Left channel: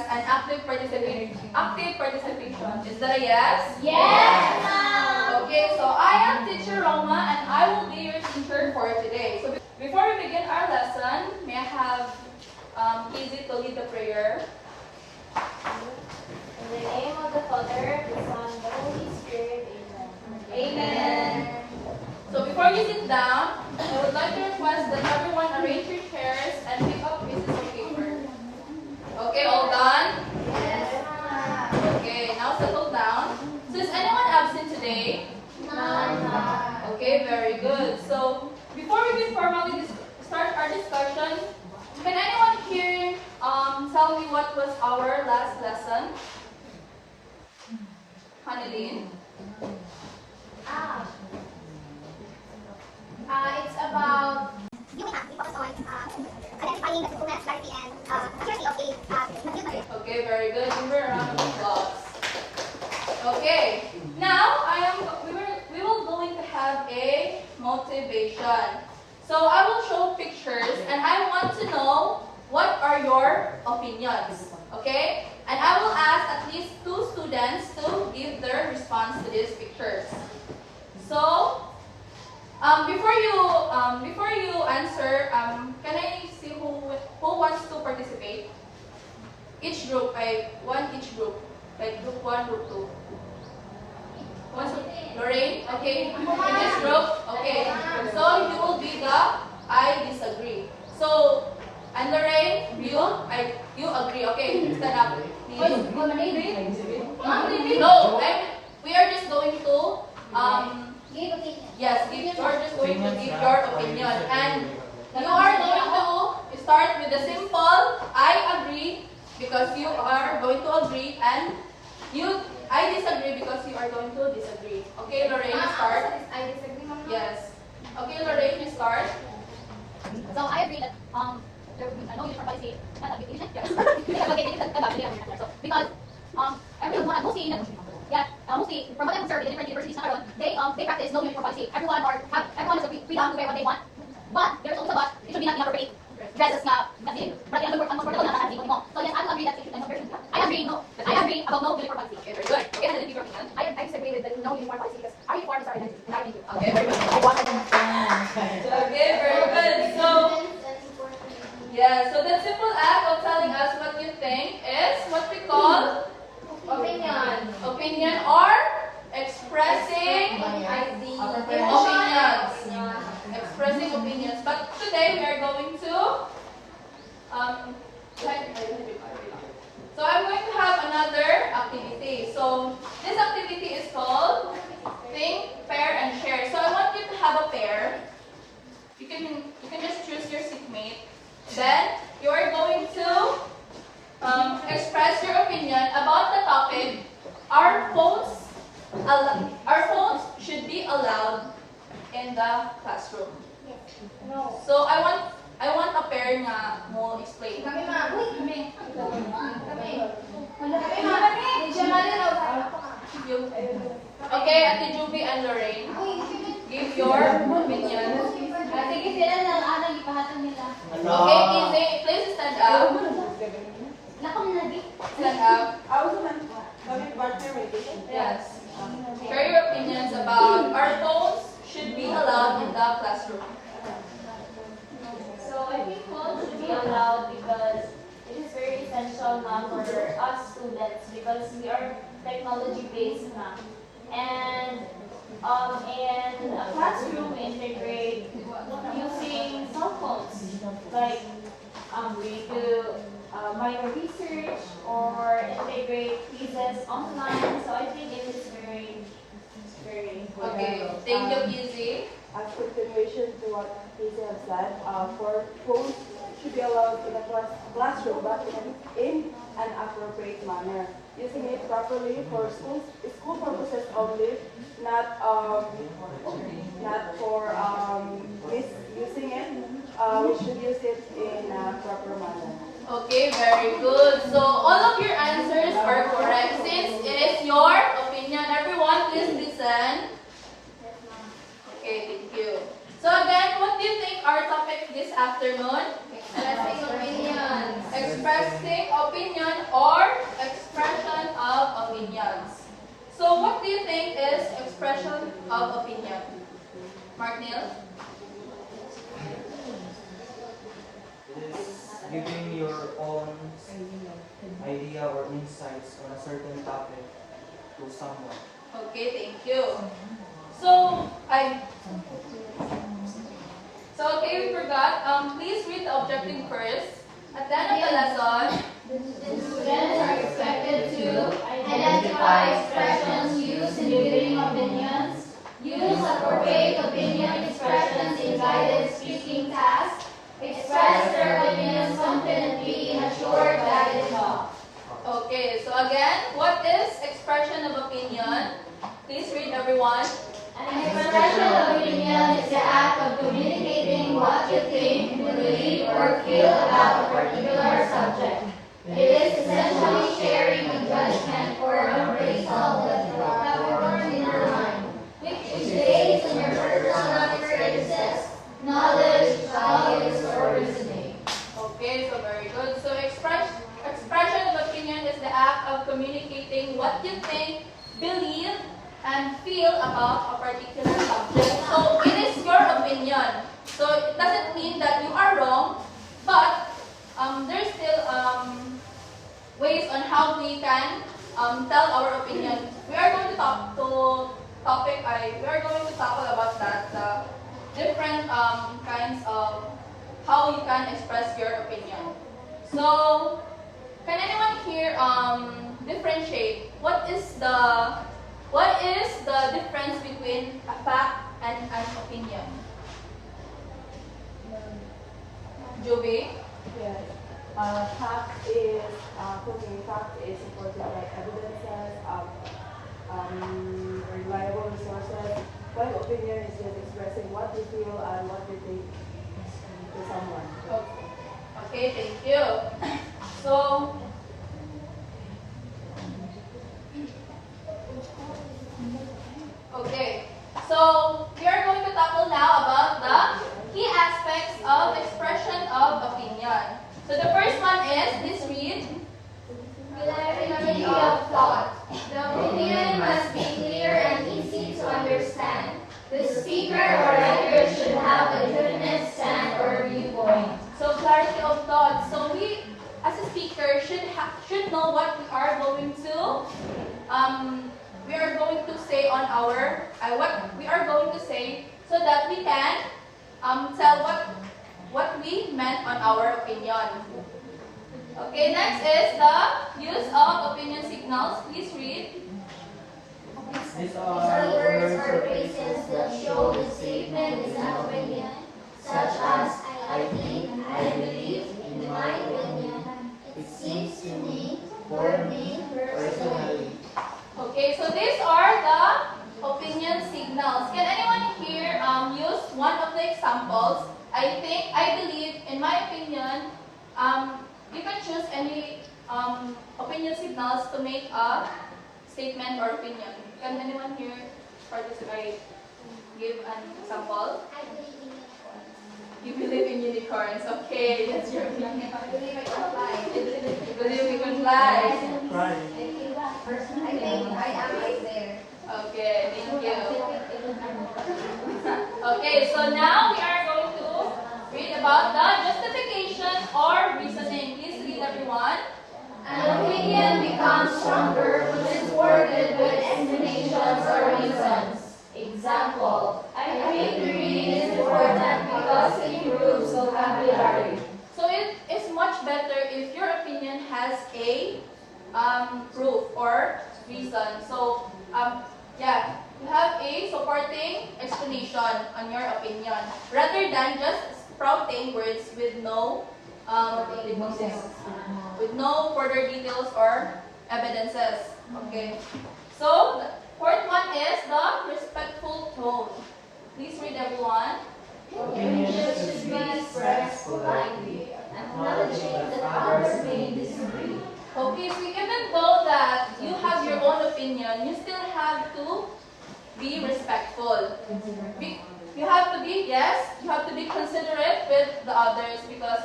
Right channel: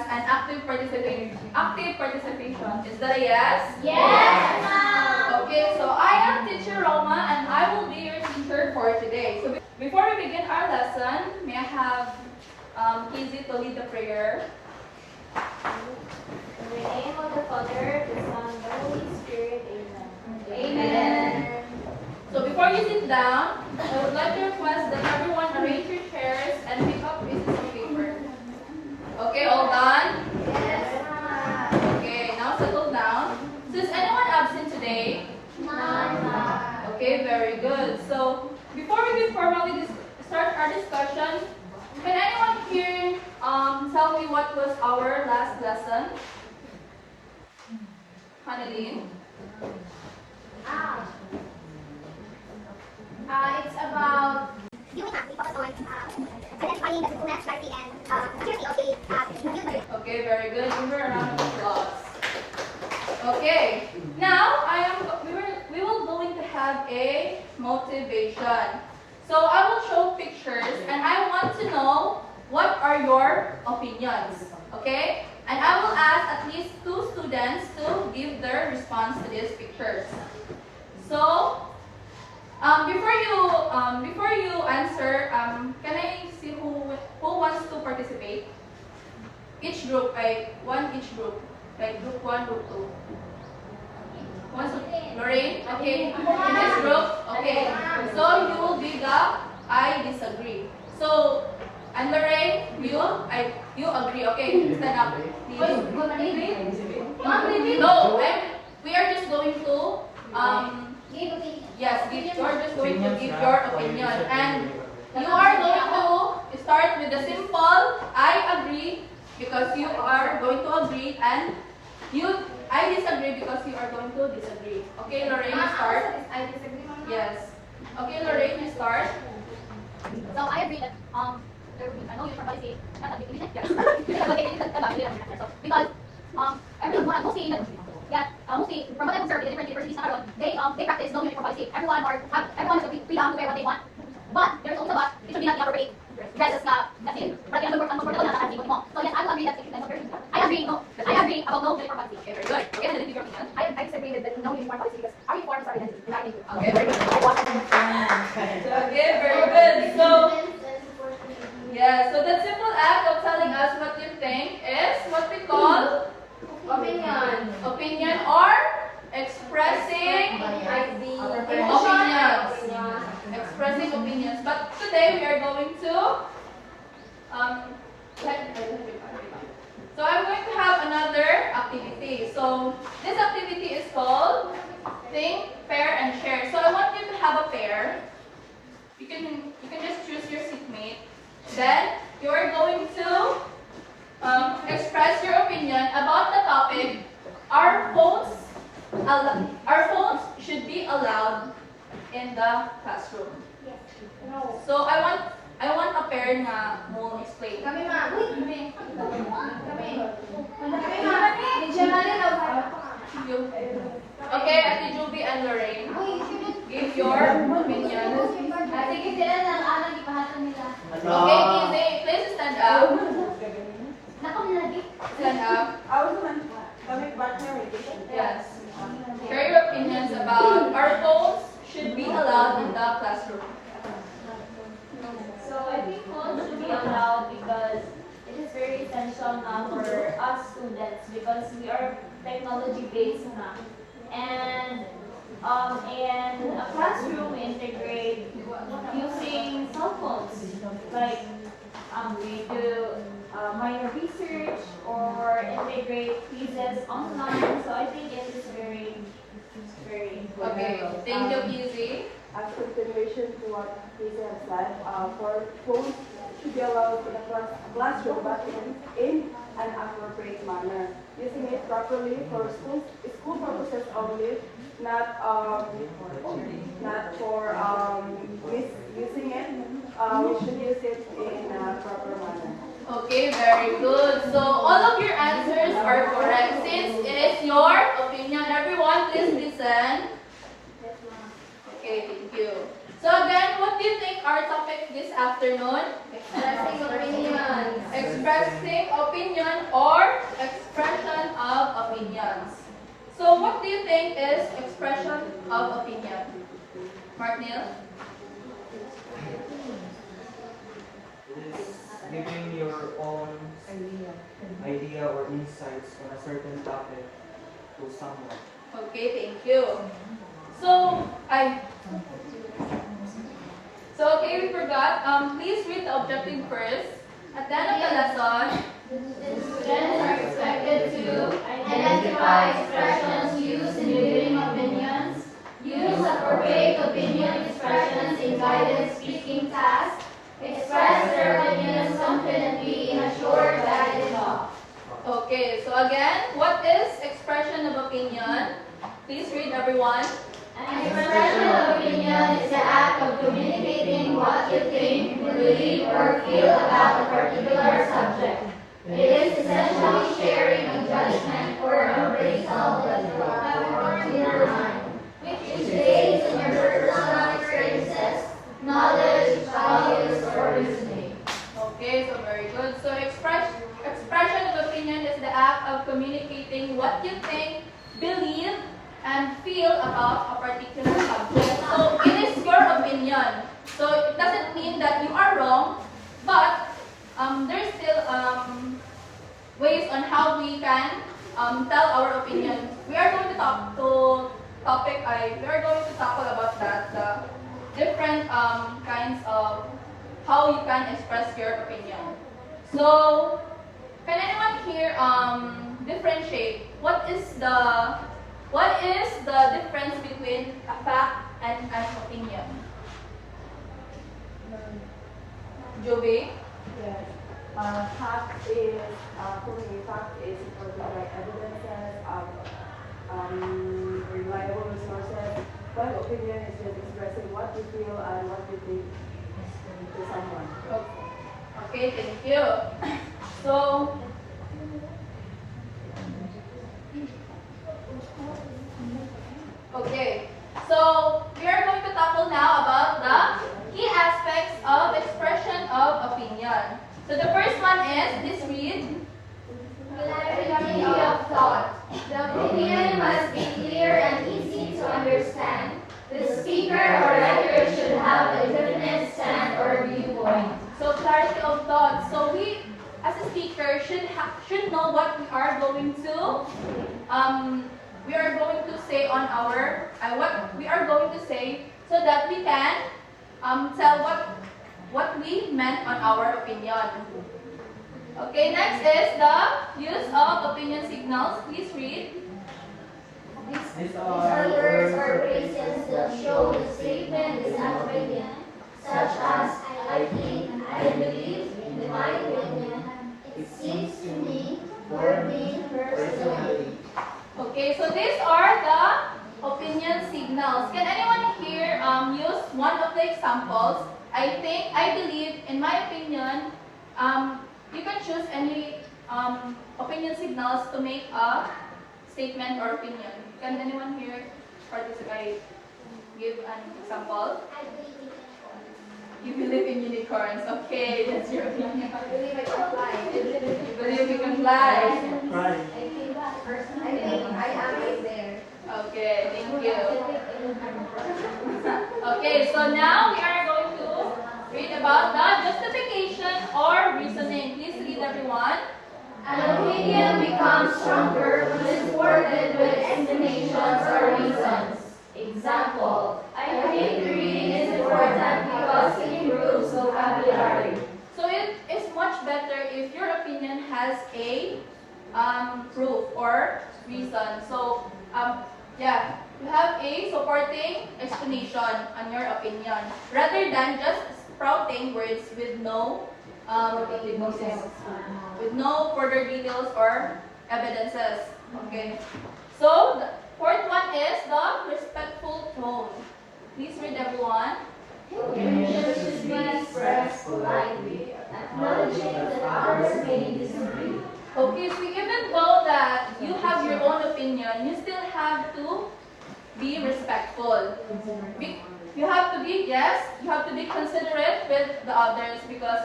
as an active participation. Is that a yes? Yes, ma'am. Okay, so I am teacher Roma and I will be your teacher for today. So before we begin our lesson, may I have Easy to lead the prayer? In the name of the Father, the Son, and the Holy Spirit, amen. Amen. So before you sit down, I would like to request that everyone arrange your chairs and pick up pieces of paper. Okay, all done? Yes, ma'am. Okay, now settle down. So is anyone absent today? Ma'am. Okay, very good. So before we will formally start our discussion, can anyone here tell me what was our last lesson? Hanalyn? It's about You may have focus on identifying the truthfulness, clarity, and maturity of the computer. Okay, very good. Give her a round of applause. Okay, now we will going to have a motivation. So I will show pictures and I want to know what are your opinions. Okay? And I will ask at least 2 students to give their response to these pictures. So before you answer, can I see who wants to participate? Each group, each group. Like group 1, group 2. Lorraine? Okay. In this group? Okay. So you will be the I disagree. So, and Lorraine, you agree. Okay, stand up. Please. No, we are just going to yes, you're just going to give your opinion. And you are going to start with the simple I agree because you are going to agree and I disagree because you are going to disagree. Okay, Lorraine, you start. I disagree, Mama. Yes. Okay, Lorraine, you start. So I agree that there will be no uniform policy at the beginning. So because everyone mostly from what I've observed in the different universities na karon, they practice no uniform policy. Everyone has the freedom to wear what they want. But there's always a but. It should be not inappropriate dresses na kasi but ang comfortable na nakasabot mo. So yes, I will agree that it should be I agree about no uniform policy. Okay, very good. Okay, and then give your opinion. I disagree with the no uniform policy because our uniforms are identity and I think Okay, very good. Okay, very good. So, yeah, so that simple act of telling us what you think is what we call opinion or expressing opinions. Expressing opinions. But today we are going to so I'm going to have another activity. So this activity is called think, pair, and share. So I want you to have a pair. You can just choose your seatmate. Then you are going to express your opinion about the topic. Our phones should be allowed in the classroom. No. So I want a pair na mo explain. Kami, ma'am. Kami. Teacher Malin, Okay, Ate Juby and Lorraine, give your opinion. sige sila lang anong ipahatol nila. Okay, Izzy, please stand up. Nakong lagi. Stand up. Yes. Share your opinions about our phones should be allowed in the classroom. So I think phones should be allowed because it is very essential now for us students because we are technology based now. And in a classroom integrate using cell phones like we do minor research or integrate quizzes online. So I think it is very Okay, thank you, Izzy. As continuation to what Casey has said, for phones should be allowed in the classroom, but in an appropriate manner, using it properly for school purposes only, not for misusing it. We should use it in a proper manner. Okay, very good. So all of your answers are correct. Since it is your opinion, everyone please listen. Okay, thank you. So again, what do you think our topic this afternoon? Expressing opinions. Expressing discussing opinion or expression of opinions. So what do you think is expression of opinion? Mark Neil? It is giving your own idea or insights on a certain topic to someone. Okay, thank you. So, okay, we forgot. Please read the objective first. At the end of the lesson, Students are expected to identify expressions used in giving opinions, use appropriate opinion expressions in guided speaking tasks, express their opinions confidently in a short guided talk. okay, so again, what is expression of opinion? Please read, everyone. An expression of opinion is the act of communicating what you think, believe, or feel about a particular subject. It is essentially sharing a judgment or appraisal that you have in your mind, which is based on your personal experiences, knowledge, values, or reasoning. Okay, so very good. So expression of opinion is the act of communicating what you think, believe, and feel about a particular subject. So it is your opinion. So it doesn't mean that you are wrong, but there's still ways on how we can tell our opinion. We are going to we are going to tackle about that, the different kinds of how you can express your opinion. So, can anyone here differentiate what is the difference between a fact and an opinion? Joby? Yes. Fact is, for me, fact is supported by evidences, reliable resources, but opinion is just expressing what you feel and what you think to someone. Okay, thank you. So, okay. So, we are going to tackle now about the key aspects of expression of opinion. So, the first one is, please read. Clarity of thought. The opinion must be clear and easy to understand. The speaker or writer should have a definite stand or viewpoint. So, clarity of thought. So, we, as a speaker, should know what we are going to say on our what we are going to say, so that we can tell what we meant on our opinion. Okay, next is the use of opinion signals. Please read. These Other words or phrases that show the statement is an opinion, such as I think, I believe, in my opinion, it seems to me, for me personally. Okay, so these are the opinion signals. Can anyone here use one of the examples? I think, I believe, in my opinion, you can choose any opinion signals to make a statement or opinion. Can anyone here participate? Give an example. You believe in unicorns. Okay, that's your opinion. I believe I can fly. You believe you can fly. Right. I think I am right there. Okay, thank you. Okay, so now we are going to read about the justification or reasoning. Please read, everyone. An opinion becomes stronger when supported with explanations or reasons. Example, I think reading is important because it improves vocabulary. So it is much better if your opinion has a proof or reason. So yeah, you have a supporting explanation on your opinion rather than just sprouting words with no with no further details or evidences. Okay. So the fourth one is the respectful tone. Please read, everyone. Opinions should be expressed politely, acknowledging that others may disagree. Okay, so even though that you have your own opinion, you still have to be respectful. You have to be considerate with the others, because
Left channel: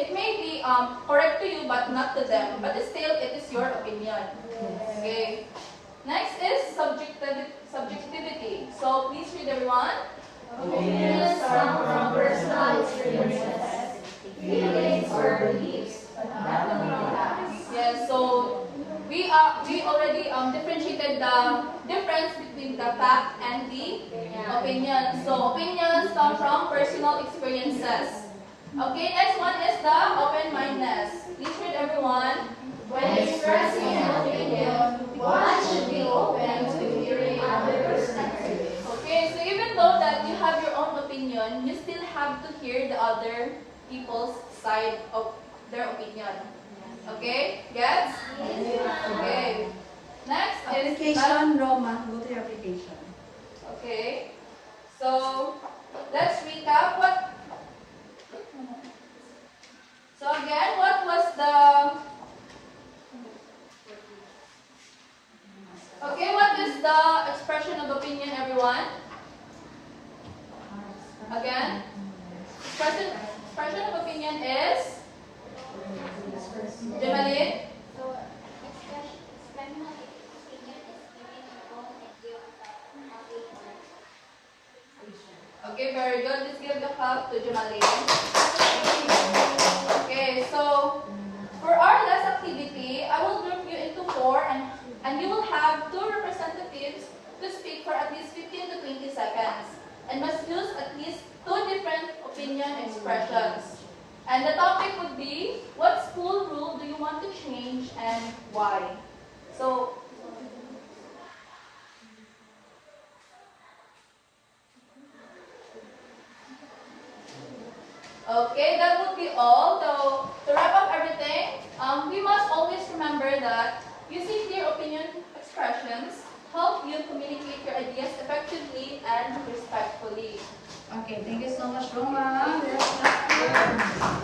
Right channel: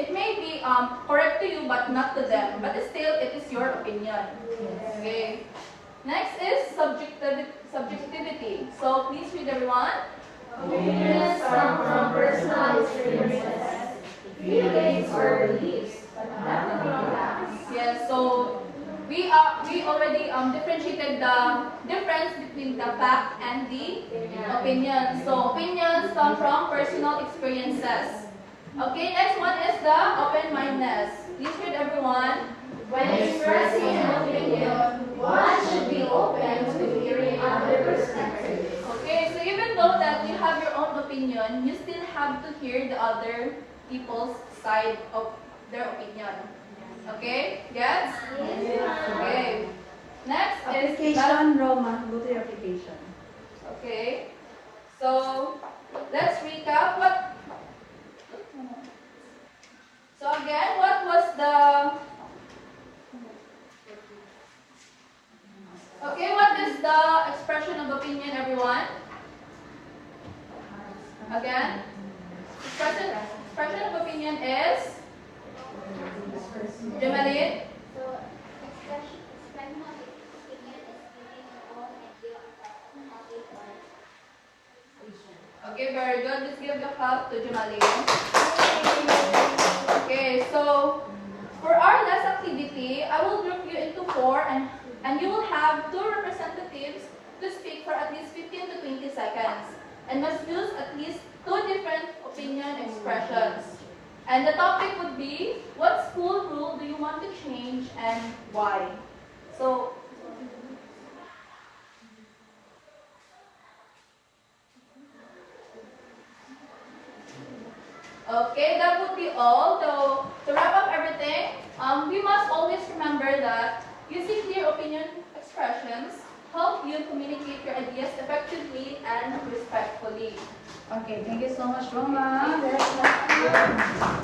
it may be correct to you but not to them, but still it is your opinion. Okay. Next is subjectivity. So please read everyone. Opinions come from personal experiences, feelings or beliefs, but nothing more than. Yes, so we already differentiated the difference between the fact and the opinion. So opinions come from personal experiences. Okay, next one is the open-mindedness. Please read everyone. When expressing an opinion, one should be open to hearing other perspectives. Okay, so even though that you have your own opinion, you still have to hear the other people's side of their opinion. Okay, gets? Okay. Next is Application, Roman, go to your application. okay. So let's recap what. So again, what was the? Okay, what is the expression of opinion, everyone? Again, expression of opinion is. Jamalin? So, expression of opinion is giving your own idea of the Okay, very good. Let's give the clap to Jamalin. Okay, so for our last activity, I will group you into 4 and you will have 2 representatives to speak for at least 15 to 20 seconds and must use at least 2 different opinion expressions. And the topic would be, what school rule do you want to change and why? So, okay, that would be all. So, to wrap up everything, we must always remember that using clear opinion expressions help you communicate your ideas effectively and respectfully. Okay, thank you so much, Roma. Let's